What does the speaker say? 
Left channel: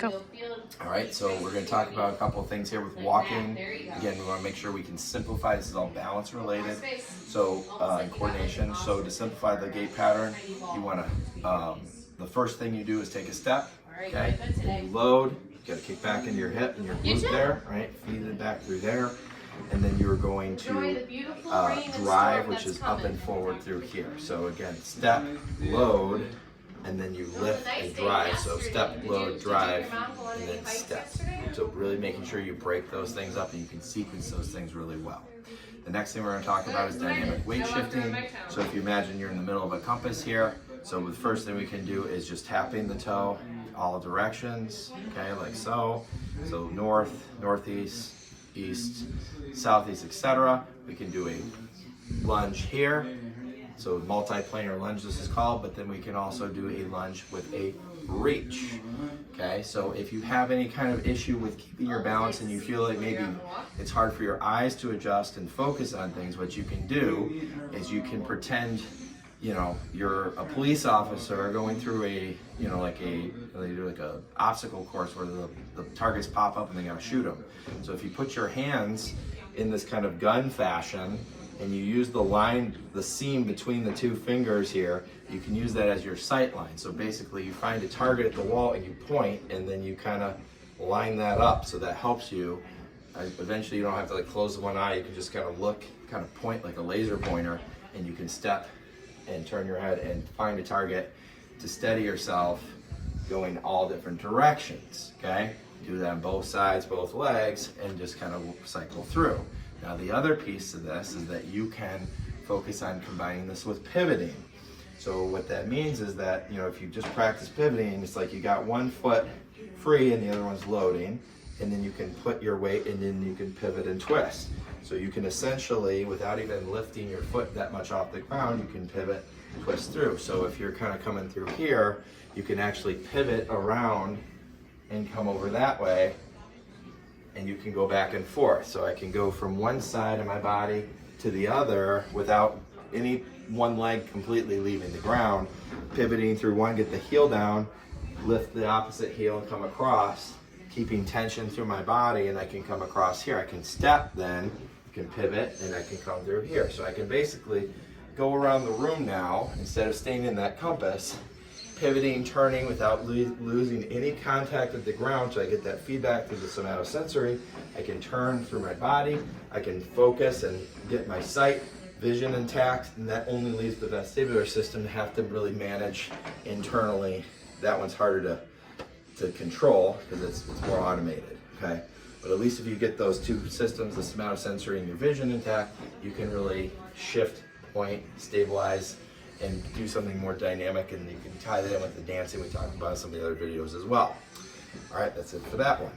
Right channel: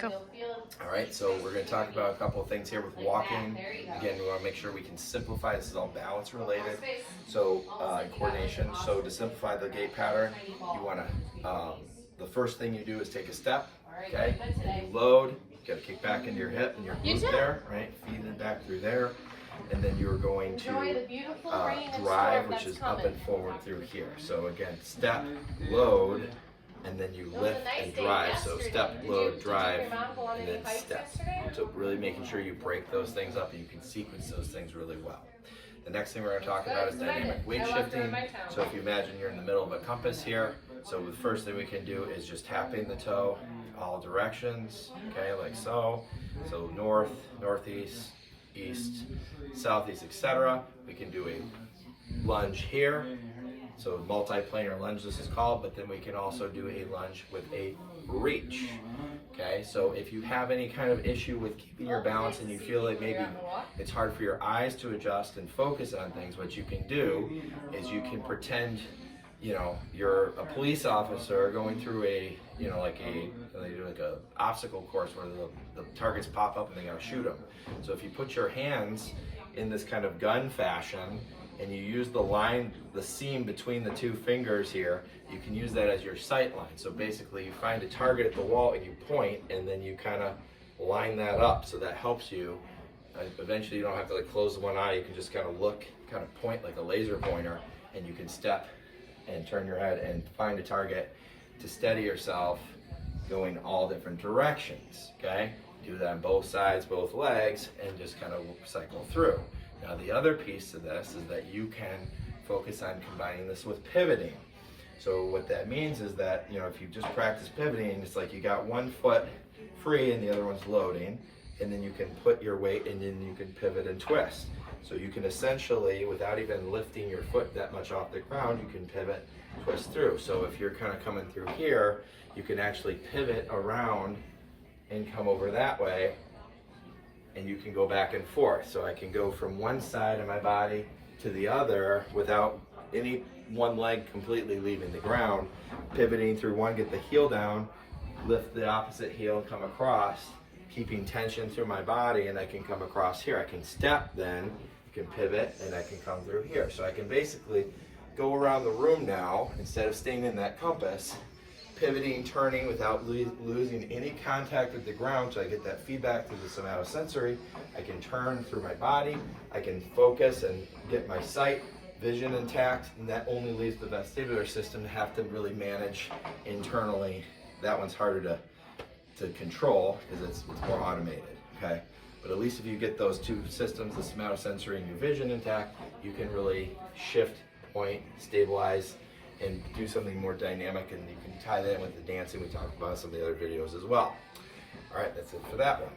Go. All right, so we're going to talk about a couple of things here with walking. Again, we want to make sure we can simplify. This is all balance related. So, and coordination. So to simplify the gait pattern, you want to, the first thing you do is take a step, okay? Then you load, you got to kick back into your hip and your glute there, right? Feed it back through there. And then you're going to drive, which is up and forward through here. So again, step, load, and then you lift and drive. So step, load, drive, and then step. So really making sure you break those things up and you can sequence those things really well. The next thing we're going to talk about is dynamic weight shifting. So if you imagine you're in the middle of a compass here, so the first thing we can do is just tapping the toe all directions, okay, like so. So north, northeast, east, southeast, etc. We can do a lunge here. So multi-planar lunge this is called, but then we can also do a lunge with a reach. Okay, so if you have any kind of issue with keeping your balance and you feel like maybe it's hard for your eyes to adjust and focus on things, what you can do is you can pretend, you know, you're a police officer going through a, you know, like a, they do like a obstacle course where the targets pop up and they gotta shoot them. So if you put your hands in this kind of gun fashion and you use the line, the seam between the two fingers here, you can use that as your sight line. So basically you find a target at the wall and you point and then you kind of line that up. So that helps you. Eventually you don't have to like close one eye, you can just kind of look, kind of point like a laser pointer, and you can step and turn your head and find a target to steady yourself going all different directions, okay? Do that on both sides, both legs, and just kind of cycle through. Now the other piece of this is that you can focus on combining this with pivoting. So what that means is that, you know, if you just practice pivoting, it's like you got one foot free and the other one's loading, and then you can put your weight and then you can pivot and twist. So you can essentially, without even lifting your foot that much off the ground, you can pivot, twist through. So if you're kind of coming through here, you can actually pivot around and come over that way, and you can go back and forth. So I can go from one side of my body to the other without any one leg completely leaving the ground, pivoting through one, get the heel down, lift the opposite heel and come across, keeping tension through my body, and I can come across here. I can step then, I can pivot, and I can come through here. So I can basically go around the room now, instead of staying in that compass, pivoting, turning without losing any contact with the ground, so I get that feedback through the somatosensory. I can turn through my body, I can focus and get my sight, vision intact, and that only leaves the vestibular system to have to really manage internally. That one's harder to control because it's more automated, okay? But at least if you get those two systems, the somatosensory and your vision intact, you can really shift, point, stabilize, and do something more dynamic, and you can tie that in with the dancing we talked about in some of the other videos as well. All right, that's it for that one.